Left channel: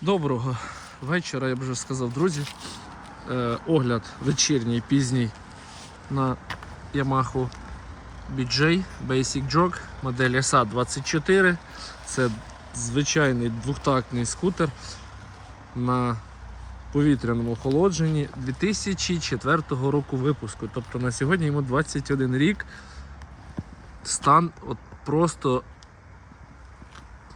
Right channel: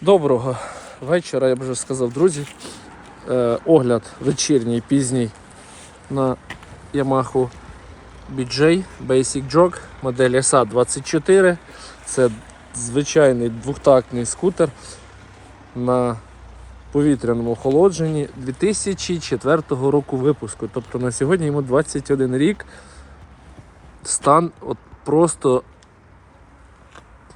Доброго вечора, я б вже сказав, друзі. Е, огляд вечірній, пізній на Yamaha BJ Basic Jog модель SA24. Це звичайний двохтактний скутер на повітряному охолодженні 2004 року випуску. Тобто на сьогодні йому 21 рік. Стан от просто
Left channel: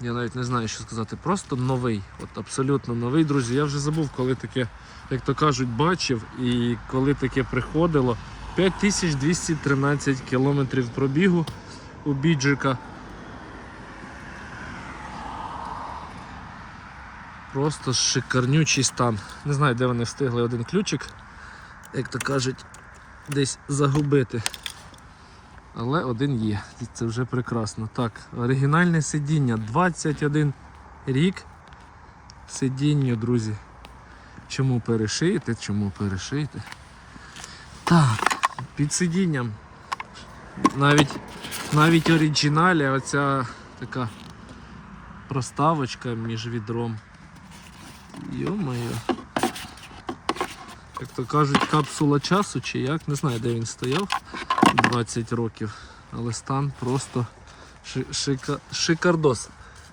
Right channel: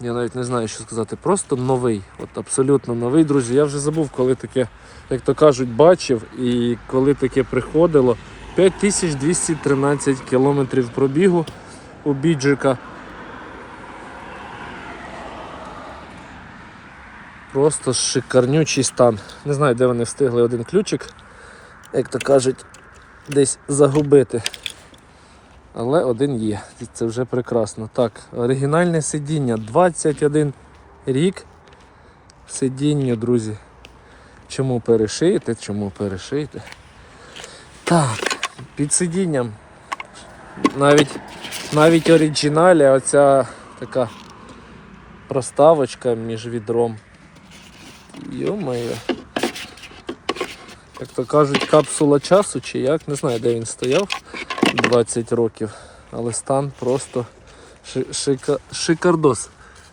я навіть не знаю, що сказати. Просто новий. От абсолютно новий, друзі. Я вже забув, коли таке, як то кажуть, бачив і коли таке приходило. 5213 кілометрів пробігу у біджика. Просто шикарнючий стан. Не знаю, де вони встигли один ключик, як то кажуть, десь загубити. Але один є. Це вже прекрасно. Так, оригінальне сидіння 21 рік. Сидінню, друзі. Чому перешити? Чому перешити? Так, під сидінням. Навіть навіть оригіналі оця така проставочка між відром. Йо-моє. Як то кажуть, капсула часу чи як, не знаю, де він стояв 20 років, але стан просто шика- шикардос.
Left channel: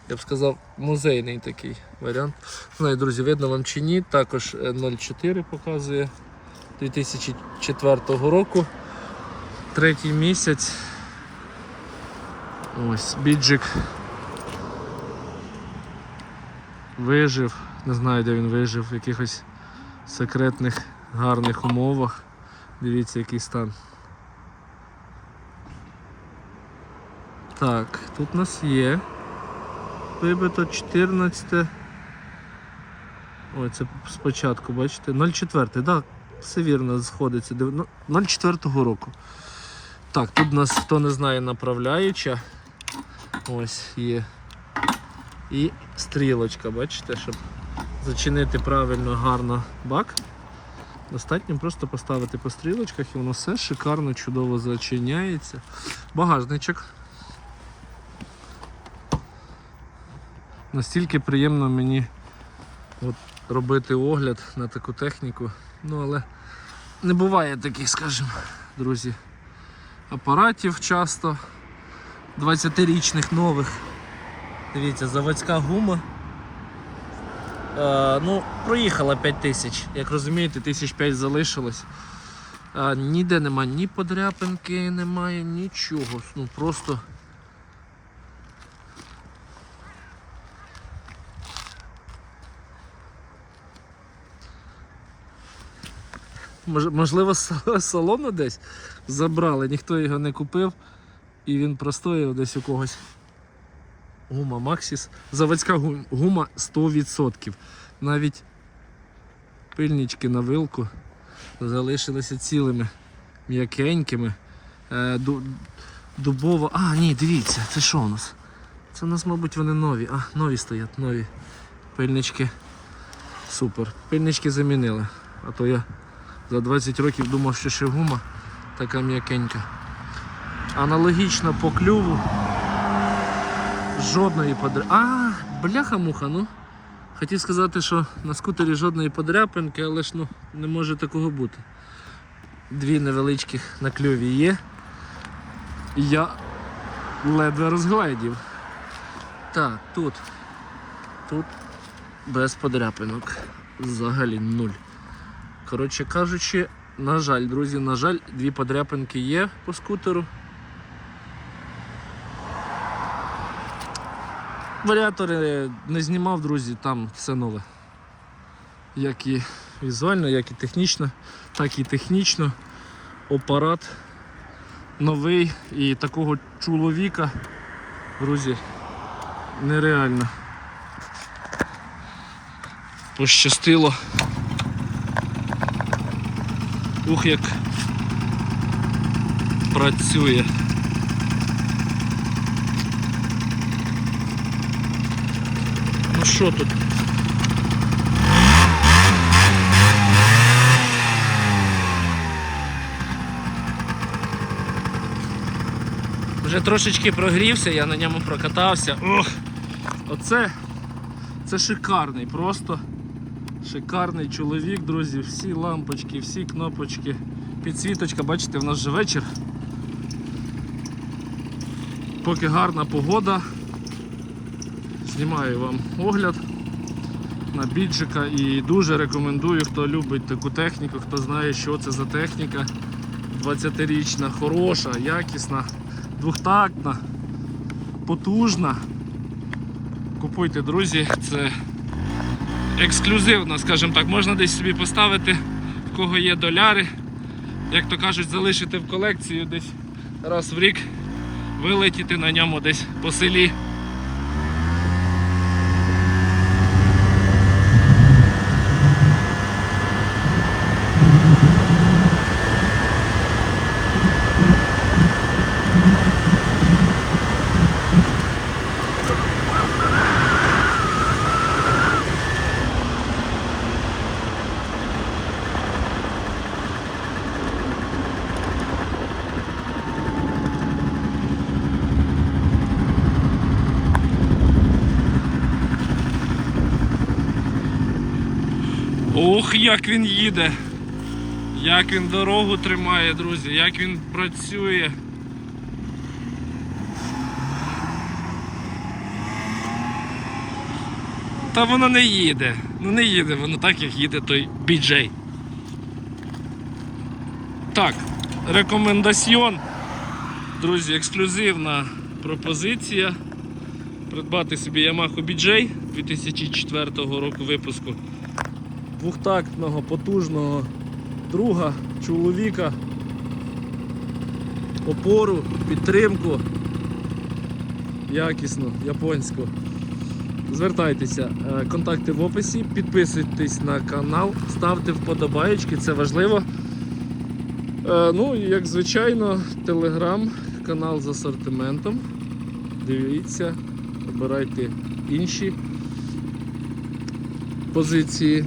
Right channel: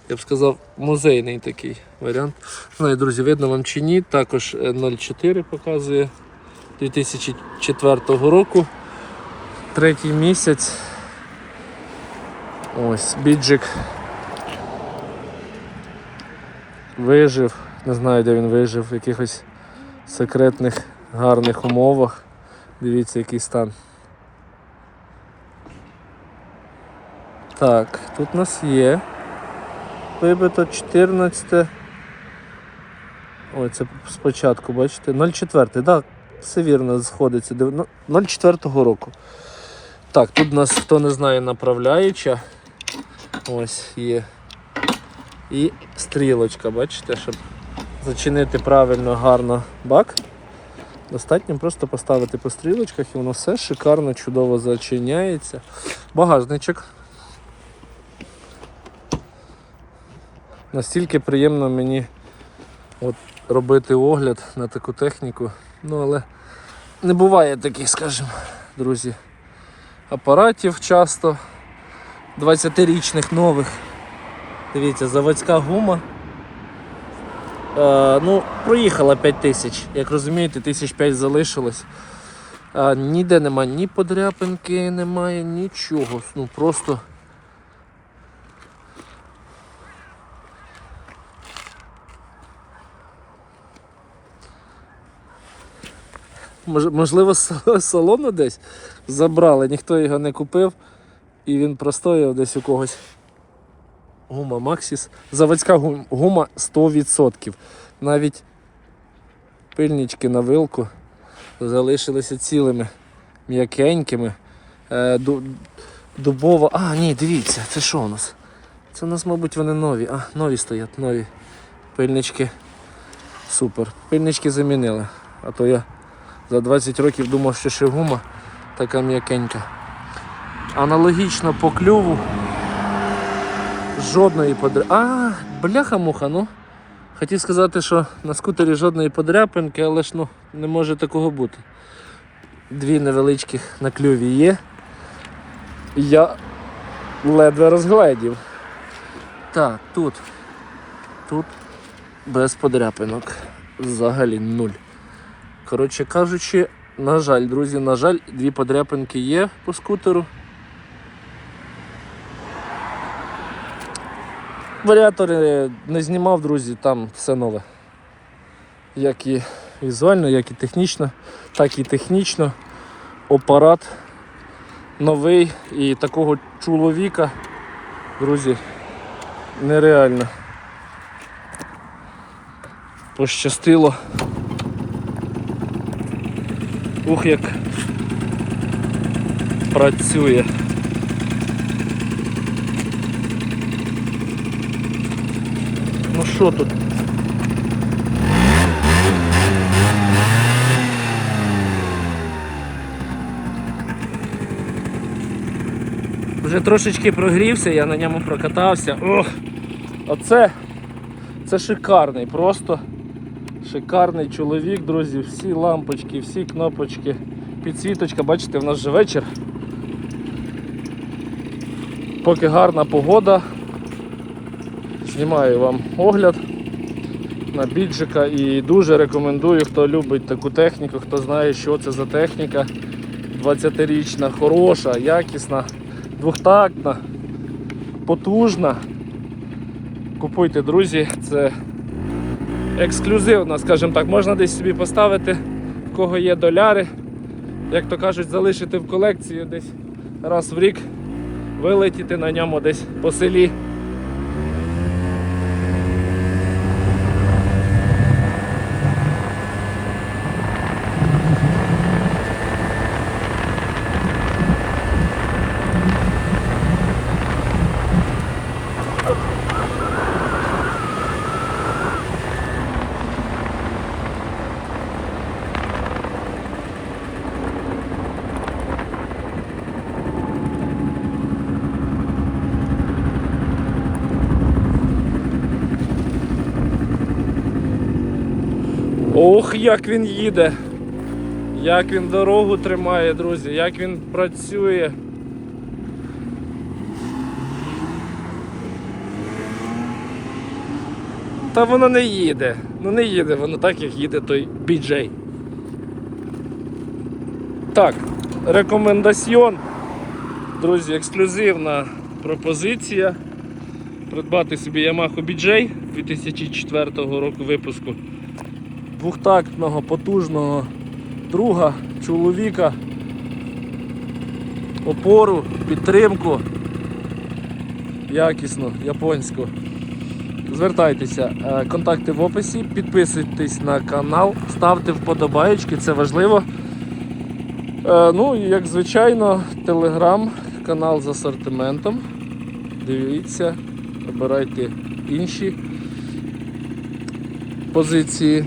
Я б сказав, музейний такий варіант. Не Знаю, друзі, видно вам чи ні. Також е, 0,4 показує 2004 року. Третій місяць. Ось, біджик вижив. Не знаю, де він вижив, в якихось секретних гарних умовах. Дивіться, який стан. Так, тут у нас є. Вибито 14. Ой, це спочатку, бачите? 04, так, да, все вірно сходиться. Ну, 04 року. Так, тут у нас, хто не знає, направляюча. Ось є. І стрілочка, бачите, щоб зачинити правильно гарно бак. Достатньо просто поставити по стрілочках і воно все шикарно, чудово зачиняється. Багажничок. Настільки приємно мені от, робити огляд на таку техніку. Ну, але не буває таких, скажімо, друзі, апаратів часто 20-річних нових. Дивіться, заводська гума. Е, ну, проїхала 5 тисяч. Як розумієте, тисяч 5 залишилось. Е, ніде немає ні подряпинки, немає нічого. Ну просто. Можливо, салону десь забрали, ніхто його не купив, і він простояв десь у когось. Гума Максіс. Заводська гума 100%. Навіть пильнички на вилку залишилися цілими, м'якенькими. Е, ду- дубова. А, ні, дивіться, це що у нас? Це у нас, мабуть, вони нові. А, нові стоять, нові. Пильнички. Супер. Пильнички замінили. А то я за 20 років думав, що ще гума така м'якенька. Аналогічно по клюву. Жодної подря... А, бляха-муха, ну. Хотів сказати, що на скутері жодної подряпинки, але ж ну, не може такого бути. Дві невеличких на клюві є. Я ледве розгледів. Так, тут. Тут без подряпинок. Взагалі нуль. Коротше кажучи, на жаль, друзі, на жаль, дві подряпинки є по скутеру. Варіатори не знімав, друзі, там все нове. Як і візуально, як і технічно, так і технічно. Апарат новий і такого чоловіка, друзі, нереально. Пощастило. Ух, як працює. Ну що тут? Вже трошечки прогрівся, я на ньому прокатався. Ох! Оце Це шикарний, просто шикарний чоловік, друзі. Всі лампочки, всі кнопочки, підсвіточка, бачите, в нас же вечір. Поки гарна погода. Знімаю вам огляд на біджика і дуже рекомендую, хто любить таку техніку, хто знає, що це за техніка. 20-річна, хороша, якісна, двохтактна, потужна. Купуйте, друзі, це ексклюзивна, скажімо так, можна десь собі поставити, в кого є доляри, як то кажуть, залишити в колекцію десь раз в рік, вилетіти на ньому десь по селі. Ох, як він їде! Як він дорогу тримає, друзі, як він працює. Та воно не їде. Ну не їде, воно так, як їде той BJ. Так, рекомендаціон. Друзі, ексклюзивна пропозиція. Придбати собі Yamaha BJ 2004 року випуску двохтактного потужного друга, чоловіка, опору, підтримку. Якісну, японську. Звертайтеся, Е, контакти в описі, підписуйтесь на канал, ставте вподобаєчки, це важливо. Е, Ну і як звичайно, телеграм, канал з асортиментом. Дивіться, обирайте інші позиції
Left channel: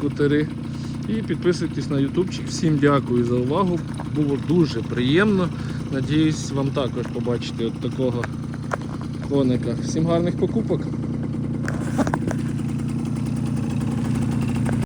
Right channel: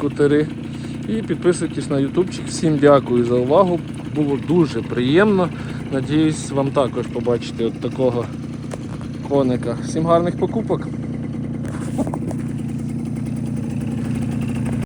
скутери. І підписуйтесь на ютубчик. Всім дякую за увагу. Було дуже приємно. Надіюсь, вам також побачити от такого коника. Всім гарних покупок!